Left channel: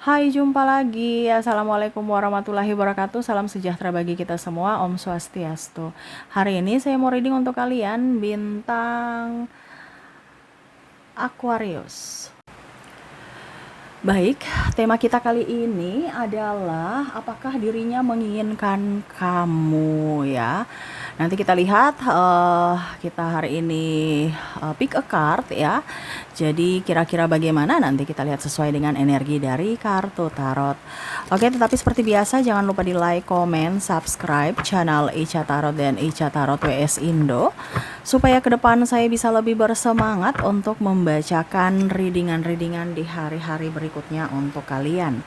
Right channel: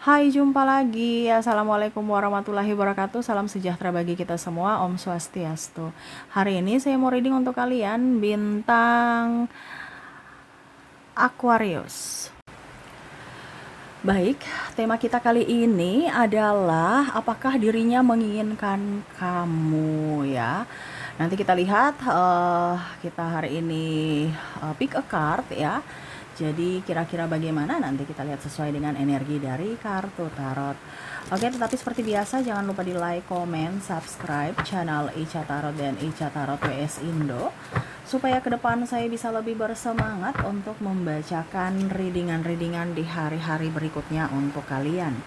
Hai, jumpa lagi. Assalamualaikum warahmatullahi wabarakatuh. Salam sejahtera bagi kita semua. Om Swastiastu. Hari ini saya mau reading untuk kalian bintang Aquarius. Baik, tema kita kali ini adalah apakah dirinya menginginkan kamu ya. Nanti kita lihat kita hari ini pick a card ya. Jadi kira-kira bagaimana nanti kita lihat sesuai dengan energi dari kartu tarot. Oke, tetapi seperti biasa jangan lupa di like, komen, subscribe channel Ica Tarot dan Ica Tarot WS Indo supaya ke depan saya bisa lebih bersemangat untuk membacakan readingan-readingan di hari-hari berikutnya untuk kalian.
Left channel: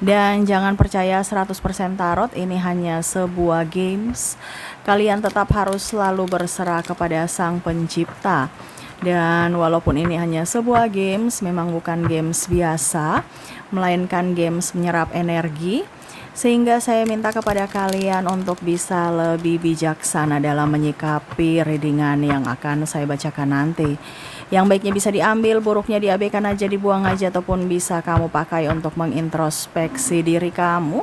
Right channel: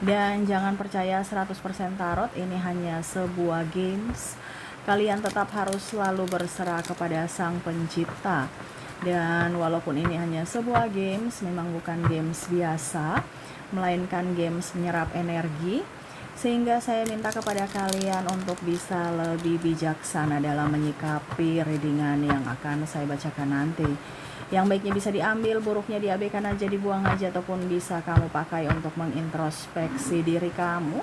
Dan jangan percaya 100% tarot, ini hanya sebuah games. Kalian tetap harus selalu berserah kepada Sang Pencipta. Dan walaupun ini hanya sebuah games, memang bukan games biasa, melainkan games menyerap energi. Sehingga saya minta kepada kalian untuk bisa lebih bijaksana dalam menyikapi readingan yang akan saya bacakan nanti. Yang baiknya bisa diambil, buruknya diabaikan aja, dibuang aja, ataupun bisa kamu pakai untuk mengintrospeksi diri kamu,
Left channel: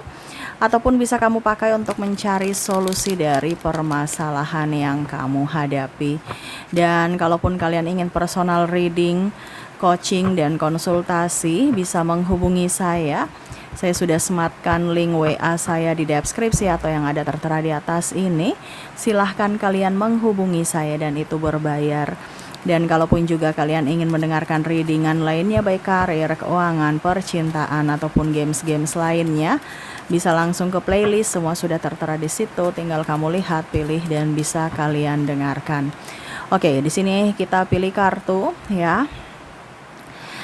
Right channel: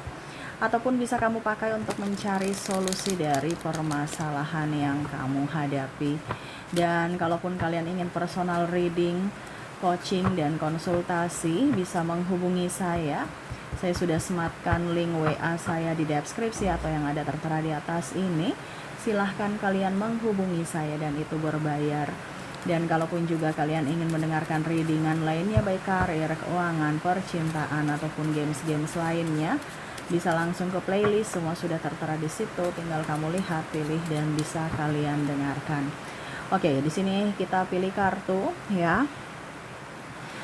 ataupun bisa kamu pakai untuk mencari solusi dari permasalahan yang kamu hadapi. Dan kalaupun kalian ingin personal reading, coaching, dan konsultasi, bisa menghubungi saya. Saya sudah sematkan link WA saya di deskripsi atau yang ada tertera di atas ini. Silahkan kalian menghubungi saya dan itu berbayar. Dan kalaupun juga kalian ingin mendengarkan readingan lainnya baik karir, keuangan, percintaan, ataupun games-games lainnya, bisa langsung ke playlist, semua sudah tertera di situ. Tinggal kamu lihat, pilih, dan bisa kalian dengarkan. Oke, di sini kita pilih kartu ya.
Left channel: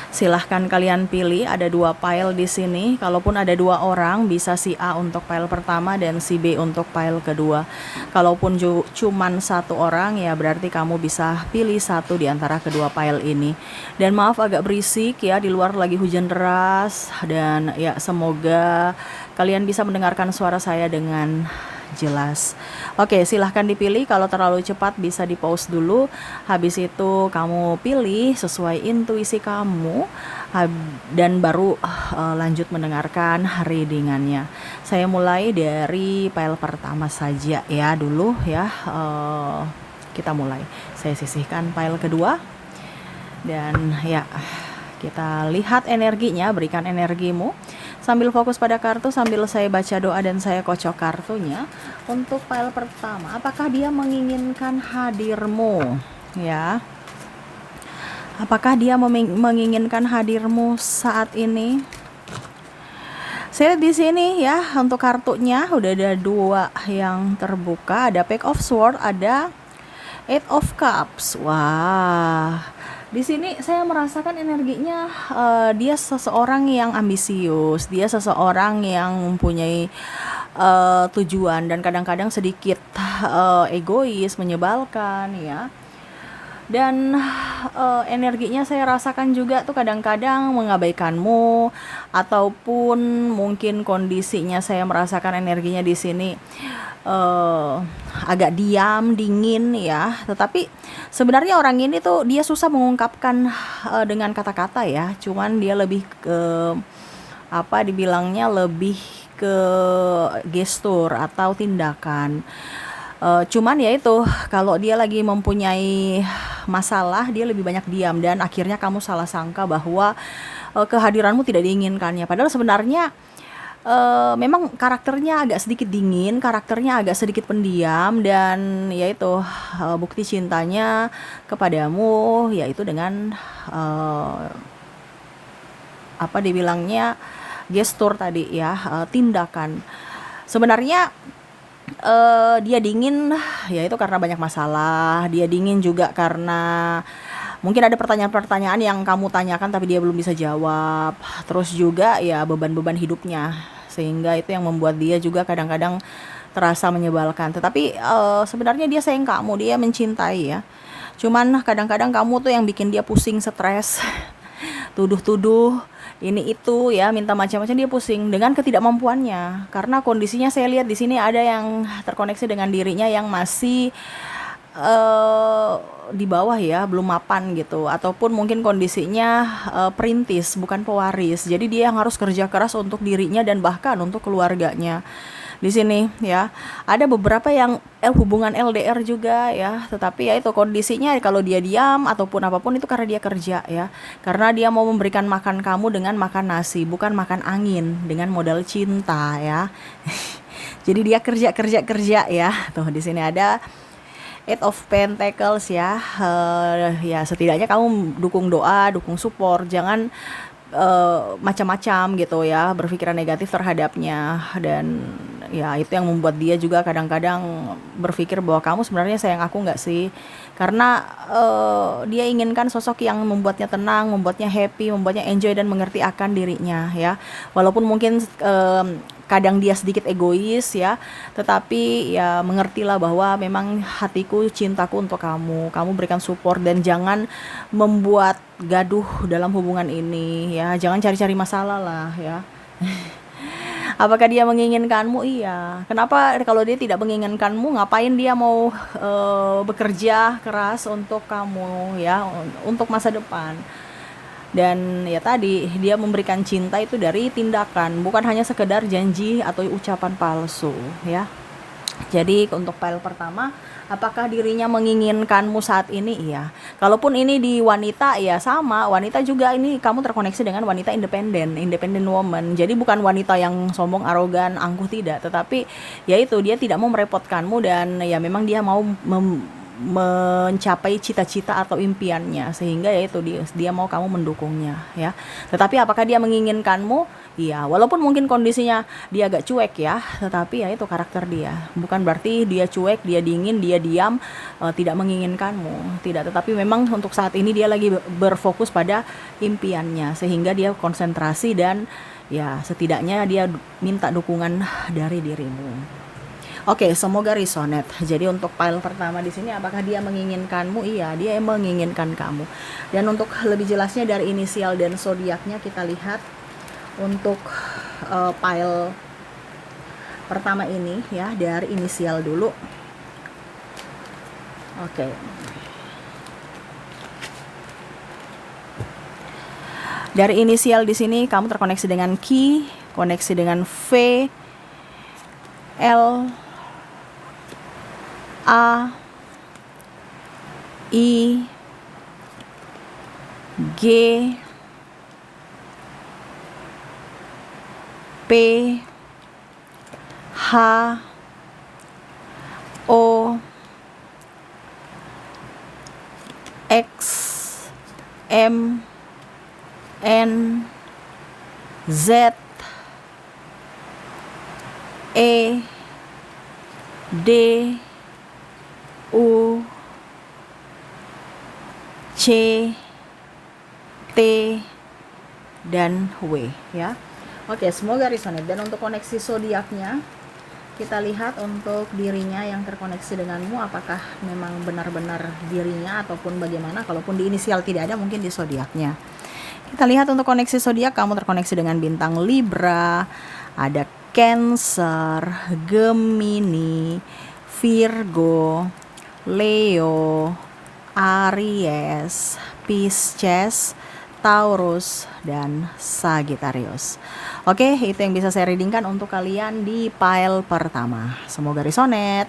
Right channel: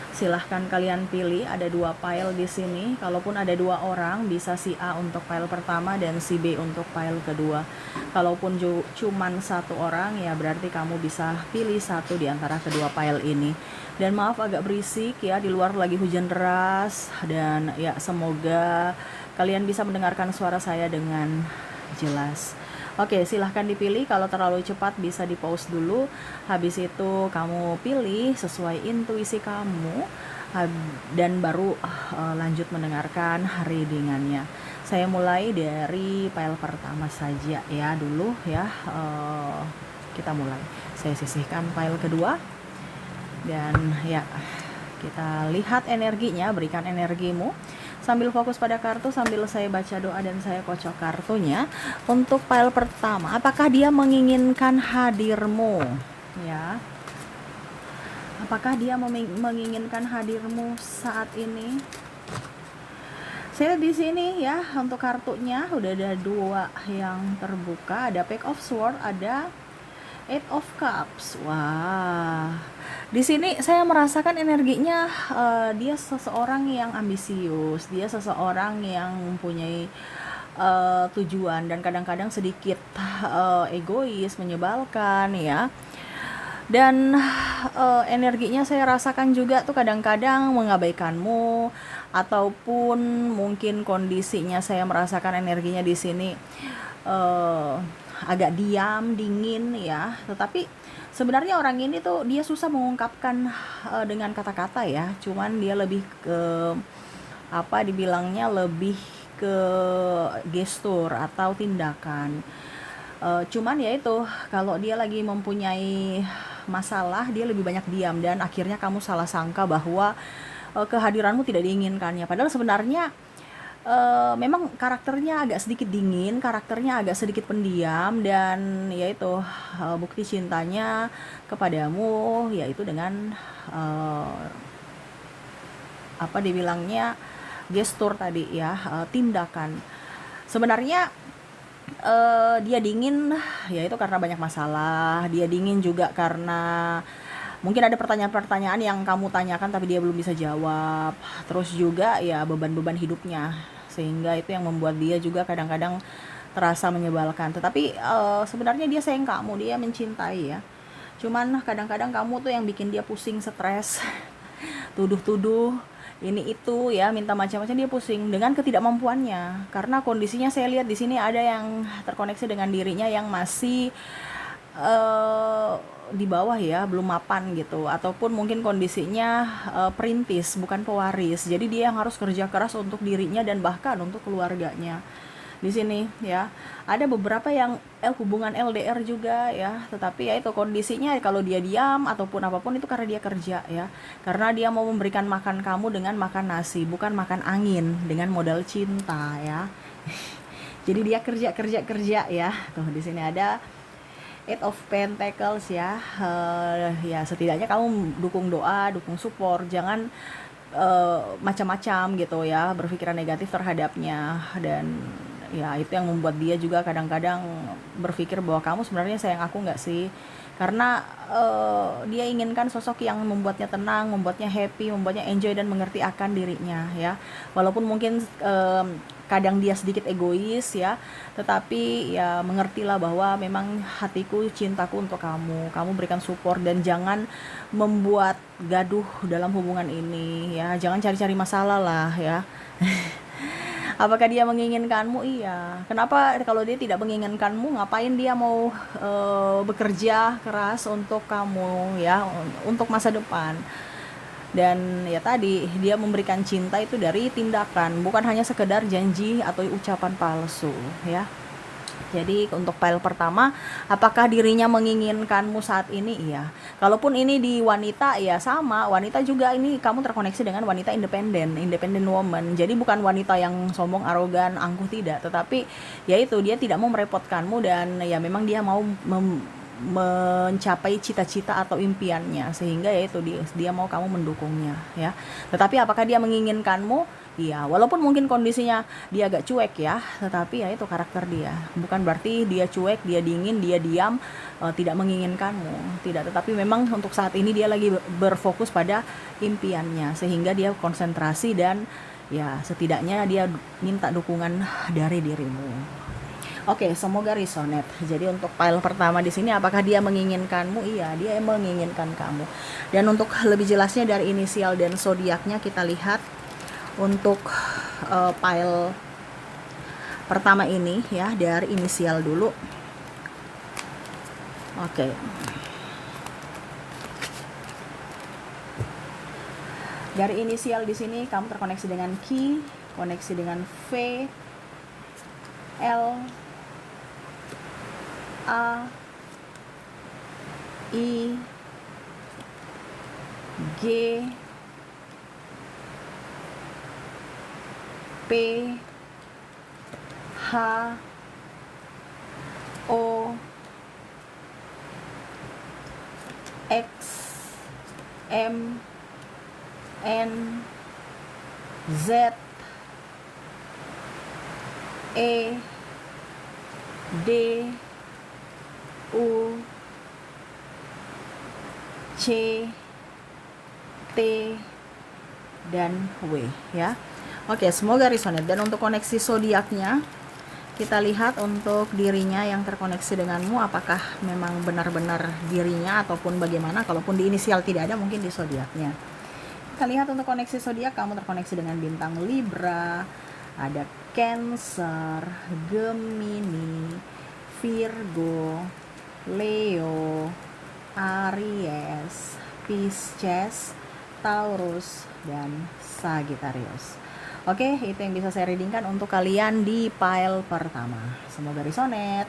Silahkan kalian pilih, ada 2 pile di sini. Kalaupun ada 2 orang, bisa si A untuk pile pertama dan si B untuk pile kedua. Kalaupun cuman 1 orang, ya berarti kamu bisa pilih 1 di antara kedua pile ini. Dan maaf agak berisik ya, di luar lagi hujan deras. Dan ya semoga kalian bisa mendengarkan suara saya dengan jelas. Oke, silahkan dipilih. Kalau terlalu cepat bisa di pause dulu. Habis itu kamu pilih sesuai intuisi kamu dan baru lanjut mendengarkan readingannya. Saya mulai dari pile pertama saja ya dulu ya. Kita mulai. Saya sisihkan pile kedua dan ya kita lihat energinya. Berikan energimu sambil fokus pada kartu, sambil saya baca doa dan saya kocok kartunya. Untuk pile pertama, apakah dia menginginkan hadirmu? Ya, apakah dia menginginkan hadirmu saat ini? Saya di sini ya, untuk kartunya udah ada 2 yang terbuka, ada Page of Swords, ada Eight of Cups. Wah, di sini saya merasakan energinya dia seseorang yang ambisius, dia seseorang yang mempunyai tujuan dan kadang-kadang sedikit egois, menyebalkan ya. Dan energinya saya rasakan juga tuh kadang-kadang mengabaikanmu, ataupun mungkin kondisinya saya merasakan energinya di sini agak diam, dingin ya. Tetapi sebenarnya orang ini tuh dia susah mengungkapkan dengan kata-kata ya. Cuman dia lebih ke apa dibilangnya, lebih ke gestur atau tindakan. Cuman ya itu, kalau dia lagi mempunyai masalah dia lebih banyak diam dan akhirnya kamu salah sangka bahwa kehadiranmu tidak diinginkannya. Padahal sebenarnya memang karakternya agak sedikit dingin, karakternya agak sedikit pendiam, dan yaitu bukti cintanya kepadamu yaitu dengan apa dibilangnya, gestur tadi ya, tindakan. Sebenarnya dia dingin yaitu karena banyak masalah, dia dingin juga karena mungkin ada pertanyaan-pertanyaan yang kamu tanyakan tapi dia belum bisa jawab. Terus juga ya beban-beban hidupnya, sehingga itu yang membuat dia juga kadang-kadang terasa menyebalkan. Tetapi sebenarnya dia sayang kamu, dia mencintai ya. Cuman kadang-kadang kamu tuh yang bikin dia pusing, stres, tuduh-tuduh ini itu ya, minta macam-macam, dia pusing dengan ketidakmampuannya. Karena kondisinya saya lihat di sini ada yang terkoneksi dengan dirinya yang masih eh, di bawah ya, belum mapan gitu, ataupun mungkin kondisinya perintis, bukan pewaris. Jadi dia yang harus kerja keras untuk dirinya dan bahkan untuk keluarganya. Di sini ya, ada beberapa yang hubungan LDR juga ya, tetapi ya itu kondisinya kalau dia diam ataupun apapun itu karena dia kerja ya. Karena dia mau memberikan makan kamu dengan makan nasi, bukan makan angin dengan modal cinta ya. Jadi dia kerja kerja kerja ya. Tuh di sini ada Eight of Pentacles ya. Ya setidaknya kamu dukung doa, dukung support, jangan macam-macam gitu ya, berpikiran negatif terhadapnya. Dan ya itu yang membuat dia juga kadang-kadang berpikir bahwa kamu sebenarnya sayang aku nggak sih, karena dia inginkan sosok yang membuatnya tenang, membuatnya happy, membuatnya enjoy dan mengerti akan dirinya ya. Walaupun mungkin kadang dia sedikit egois ya, tetapi ya mengertilah bahwa memang hatiku, cintaku untuk kamu, kamu berikan support dan jangan membuat gaduh dalam hubungan ini ya, jangan cari-cari masalah lah ya. Apakah dia menginginkanmu? Iya. Kenapa kalau dia tidak menginginkanmu, ngapain dia mau bekerja keras untuk kamu ya, untuk masa depan? Dan ya tadi dia memberikan cinta itu dari tindakan, bukan hanya sekedar janji atau ucapan palsu ya. Jadi untuk pile pertama, apakah dirinya menginginkanmu saat ini? Iya. Kalaupun ini di wanita ya sama, wanita juga ini kamu terkoneksi dengan wanita independent woman. Jadi bukan wanita yang sombong, arogan, angkuh, tidak, tetapi ya itu dia tidak mau merepotkanmu dan ya memang dia mau mencapai cita-cita atau impiannya, sehingga ya itu dia mau kamu mendukungnya ya. Tetapi apakah dia menginginkanmu? Iya, walaupun mungkin kondisinya dia agak cuek ya, tetapi ya itu karakter dia. Bukan berarti dia cuek, dia dingin, dia diam, tidak menginginkanmu. Tidak, tetapi memang untuk saat ini dia lagi berfokus pada impiannya, sehingga dia konsentrasi dan ya setidaknya dia minta dukungan dari dirimu. Oke, semoga resonate. Jadi untuk pile pertama di sini, apakah dia menginginkanmu? Iya, dia menginginkan kamu. Dan untuk lebih jelasnya dari inisial dan zodiaknya kita lihat untuk pile pertama ini ya, dari inisial dulu. Oke. Dari inisial di sini kamu terkoneksi dengan Q, koneksi dengan V, L, A, I, G, P, H, O, X, M, N, Z, E, D, U, C, T, dan W ya. Oke, semoga resonate. Dan untuk koneksi zodiaknya kita lihat untuk dirinya yang terkoneksi denganmu, apakah memang benar-benar dirinya ataupun bagaimana. Kalaupun di inisial tidak ada, mungkin di zodiaknya. Kita lihat untuk koneksi zodiak, kamu terkoneksi dengan bintang Libra, ada Cancer, Gemini, Virgo, Leo, Aries, Pisces, Taurus, dan Sagittarius. Oke, itu yang bisa saya readingkan untuk kalian di pile pertama. Semoga resonate.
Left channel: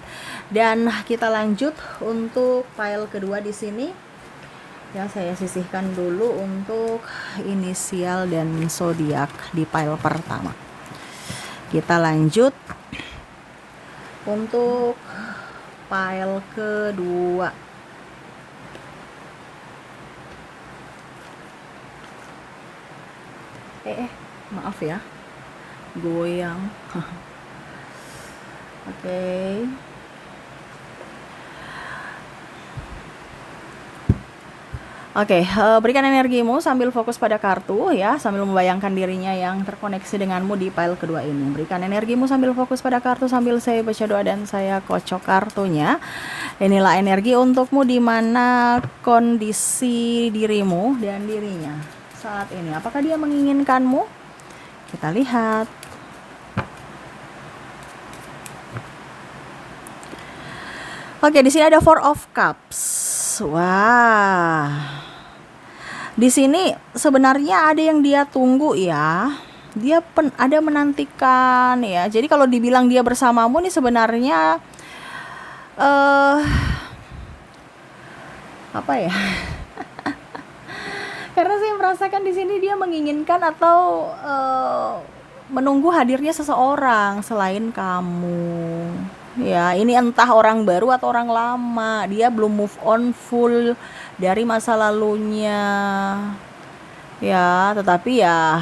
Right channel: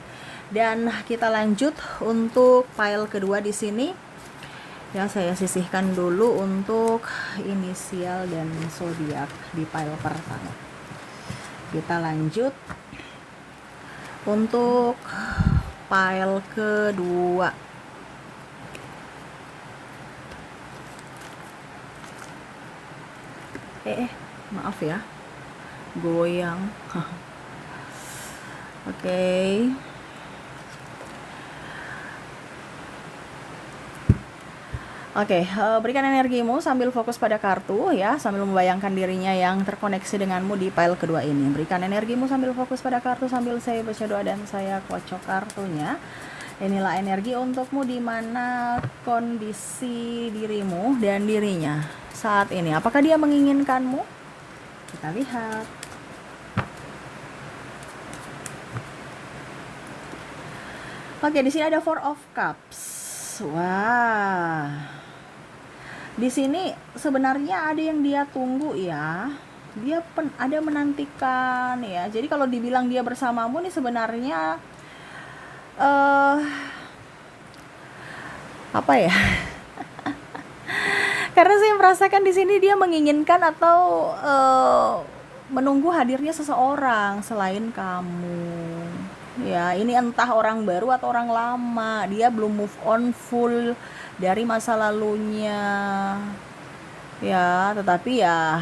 Dan kita lanjut untuk pile kedua di sini. Ya, saya sisihkan dulu untuk inisial dan zodiak di pile pertama. Kita lanjut untuk pile kedua. Maaf ya, goyang. Oke. Oke, berikan energimu sambil fokus pada kartu ya, sambil membayangkan dirinya yang terkoneksi denganmu di pile kedua ini. Berikan energimu sambil fokus pada kartu sambil saya baca doa dan saya kocok kartunya. Inilah energi untukmu di mana kondisi dirimu dan dirinya saat ini. Apakah dia menginginkanmu? Kita lihat. Oke, di sini ada Four of Cups. Wah. Di sini sebenarnya ada yang dia tunggu ya. Dia ada menantikan ya. Jadi kalau dibilang dia bersamamu nih sebenarnya eh apa ya? Karena saya merasakan di sini dia menginginkan atau menunggu hadirnya seseorang selain kamu. Ya, ini entah orang baru atau orang lama. Dia belum move on full dari masa lalunya. Ya, tetapi ya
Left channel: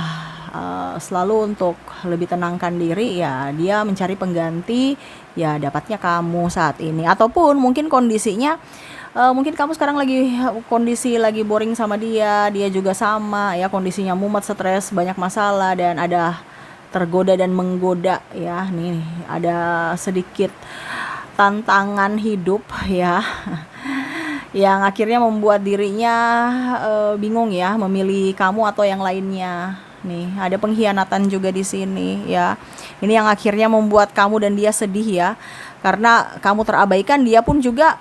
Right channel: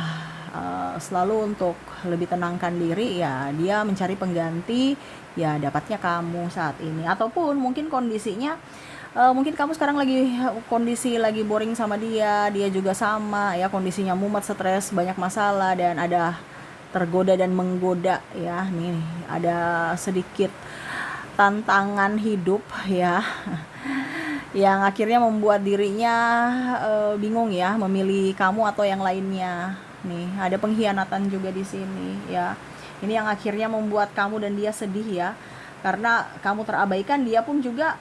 selalu untuk lebih tenangkan diri ya, dia mencari pengganti ya dapatnya kamu saat ini. Ataupun mungkin kondisinya mungkin kamu sekarang lagi kondisi lagi boring sama dia, dia juga sama ya kondisinya mumet, stres, banyak masalah dan ada tergoda dan menggoda ya. Nih, ada sedikit tantangan hidup ya yang akhirnya membuat dirinya bingung ya memilih kamu atau yang lainnya. Nih, ada pengkhianatan juga di sini ya. Ini yang akhirnya membuat kamu dan dia sedih ya. Karena kamu terabaikan, dia pun juga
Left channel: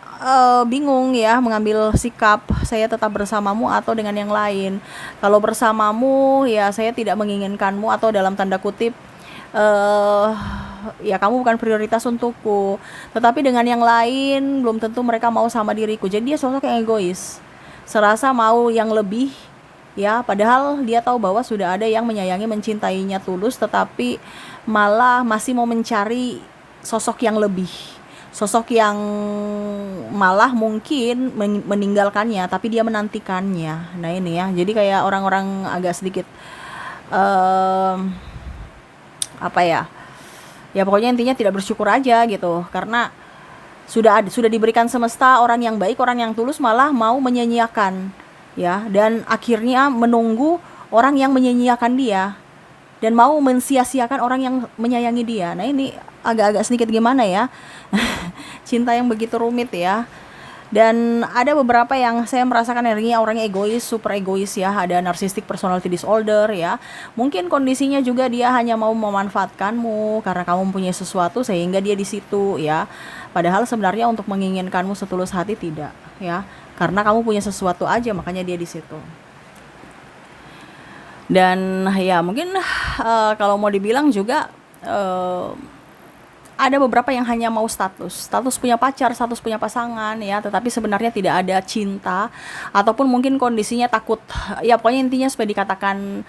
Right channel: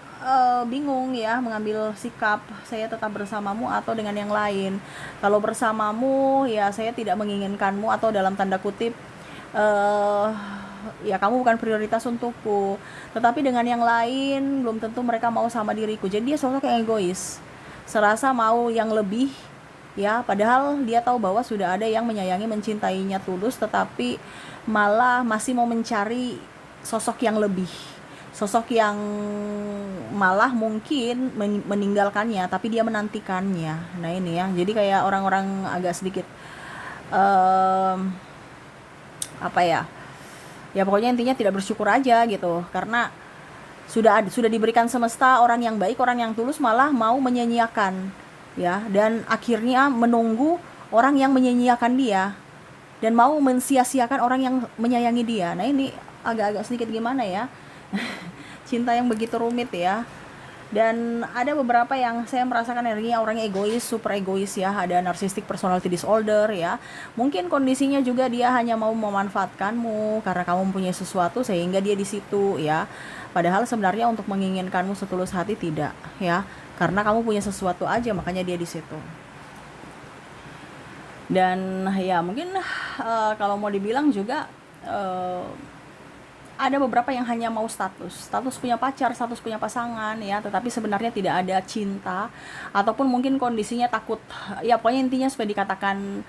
bingung ya mengambil sikap, saya tetap bersamamu atau dengan yang lain. Kalau bersamamu ya saya tidak menginginkanmu atau dalam tanda kutip ya kamu bukan prioritas untukku. Tetapi dengan yang lain belum tentu mereka mau sama diriku. Jadi dia sosok yang egois. Serasa mau yang lebih ya, padahal dia tahu bahwa sudah ada yang menyayangi, mencintainya tulus, tetapi malah masih mau mencari sosok yang lebih. Sosok yang malah mungkin meninggalkannya, tapi dia menantikannya. Nah ini ya, jadi kayak orang-orang agak sedikit apa ya, ya pokoknya intinya tidak bersyukur aja gitu, karena sudah diberikan semesta orang yang baik, orang yang tulus, malah mau menyia-nyiakan ya, dan akhirnya menunggu orang yang menyia-nyiakan dia dan mau mensia-siakan orang yang menyayangi dia. Nah ini agak-agak sedikit gimana ya cinta yang begitu rumit ya. Dan ada beberapa yang saya merasakan energinya orangnya egois, super egois ya. Ada narcissistic personality disorder ya. Mungkin kondisinya juga dia hanya mau memanfaatkanmu karena kamu mempunyai sesuatu sehingga dia di situ ya. Padahal sebenarnya untuk menginginkanmu setulus hati tidak ya. Karena kamu punya sesuatu aja makanya dia di situ. Dan ya mungkin kalau mau dibilang juga ada beberapa yang hanya mau status punya pacar, status punya pasangan ya, tetapi sebenarnya tidak ada cinta, ataupun mungkin kondisinya takut ya, pokoknya intinya supaya dikatakan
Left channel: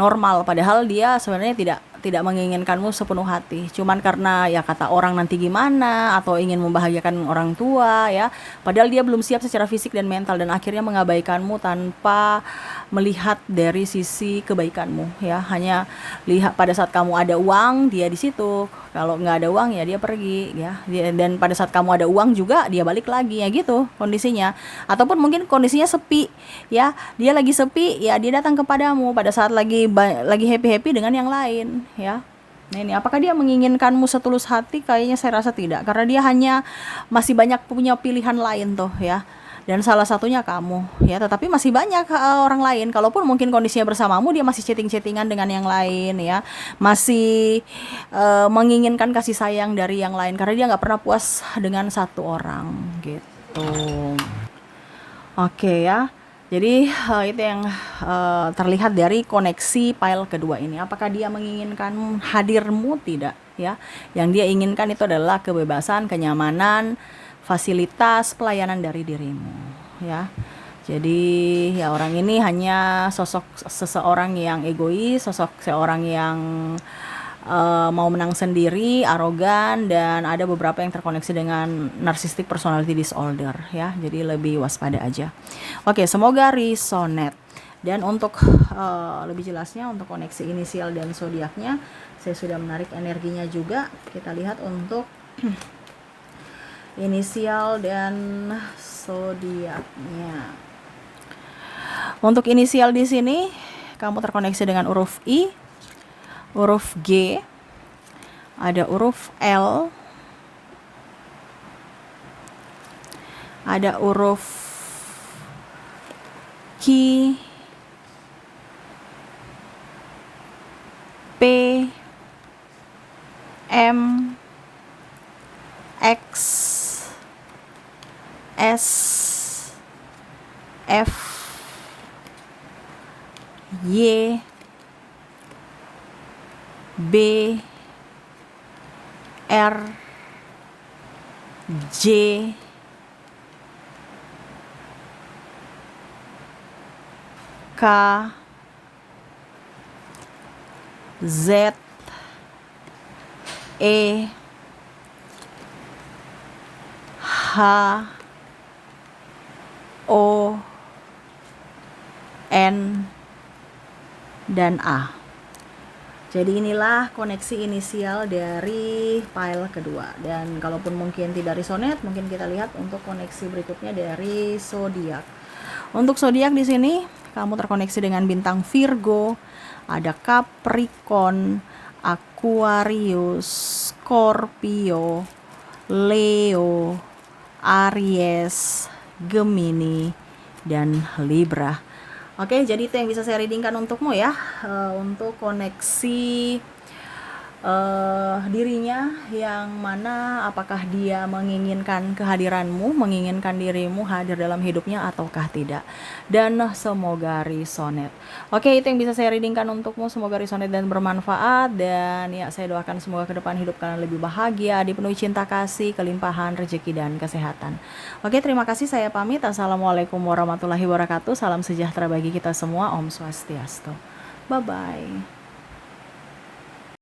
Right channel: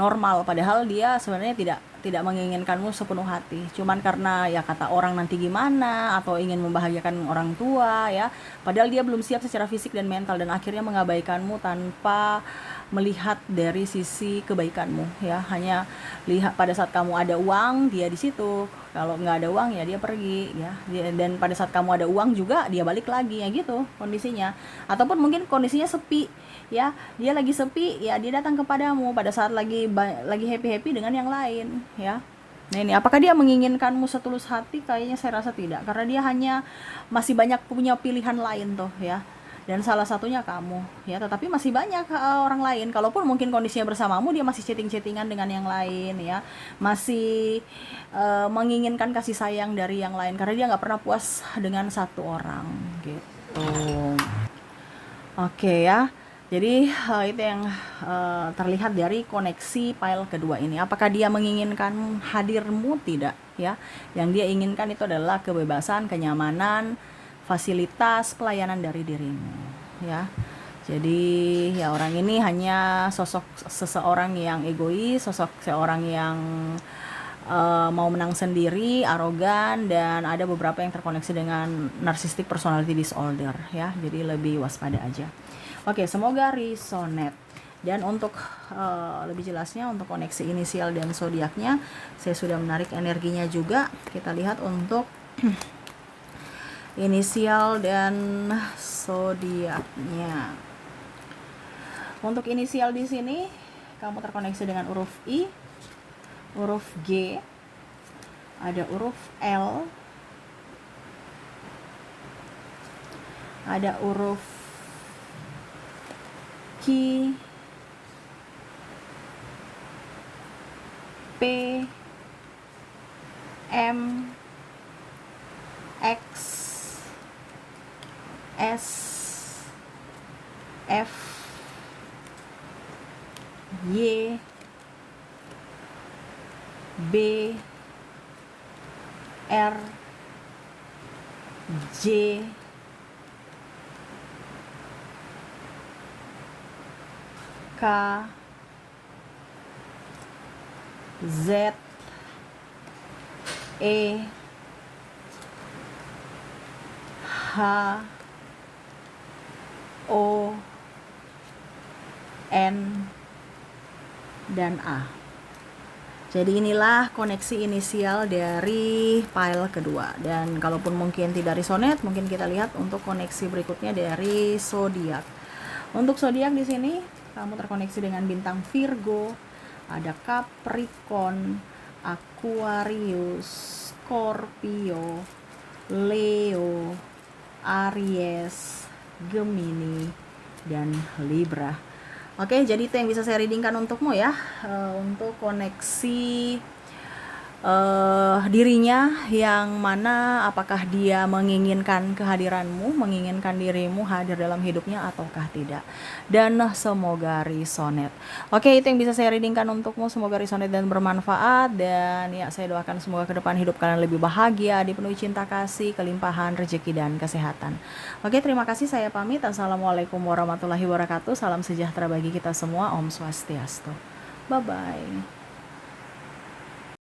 normal, padahal dia sebenarnya tidak menginginkanmu sepenuh hati, cuman karena ya kata orang nanti gimana, atau ingin membahagiakan orang tua ya, padahal dia belum siap secara fisik dan mental, dan akhirnya mengabaikanmu tanpa melihat dari sisi kebaikanmu ya, hanya lihat pada saat kamu ada uang dia di situ, kalau nggak ada uang ya dia pergi ya, dan pada saat kamu ada uang juga dia balik lagi ya gitu kondisinya. Ataupun mungkin kondisinya sepi ya, dia lagi sepi ya, dia datang kepadamu pada saat lagi happy dengan yang lain ya. Nah ini apakah dia menginginkanmu setulus hati? Kayaknya saya rasa tidak, karena dia hanya masih banyak punya pilihan lain tuh ya, dan salah satunya kamu ya, tetapi masih banyak orang lain. Kalaupun mungkin kondisinya bersamamu, dia masih chatting-chattingan dengan yang lain ya, masih menginginkan kasih sayang dari yang lain, karena dia nggak pernah puas dengan satu orang gitu. Oke ya, jadi itu yang terlihat dari koneksi pile kedua ini. Apakah dia menginginkan hadirmu? Tidak ya. Yang dia inginkan itu adalah kebebasan, kenyamanan, fasilitas, pelayanan dari dirimu ya. Jadi ya orang ini hanya sosok seseorang yang egois, sosok seorang yang mau menang sendiri, arogan, dan ada beberapa yang terkoneksi dengan narcissistic personality disorder ya. Jadi lebih waspada aja. Oke, semoga resonate. Dan untuk lebih jelasnya untuk koneksi inisial dan zodiaknya, saya sudah menarik energinya juga. Kita lihat untuk inisial dan zodiaknya. Untuk inisial di sini kamu terkoneksi dengan huruf I, huruf G, ada huruf L, ada huruf Q, P, M, X, S, F, Y, B, R, J, K, Z, E, H, O, N, dan A. Jadi inilah koneksi inisial dari file kedua. Dan kalaupun mungkin tidak resonet, mungkin kita lihat untuk koneksi berikutnya dari zodiak. Untuk zodiak di sini kamu terkoneksi dengan bintang Virgo, ada Capricorn, Aquarius, Scorpio, Leo, Aries, Gemini, dan Libra. Oke, jadi itu yang bisa saya readingkan untukmu ya, untuk koneksi dirinya yang mana apakah dia menginginkan kehadiranmu, menginginkan dirimu hadir dalam hidupnya ataukah tidak. Dan semoga resonet. Oke, itu yang bisa saya readingkan untukmu. Semoga resonet dan bermanfaat. Dan ya, saya doakan semoga ke depan hidup kalian lebih bahagia, dipenuhi cinta kasih, kelimpahan, rezeki, dan kesehatan. Oke, terima kasih, saya pamit. Assalamualaikum warahmatullahi wabarakatuh. Salam sejahtera bagi kita semua. Om Swastiastu. Bye-bye.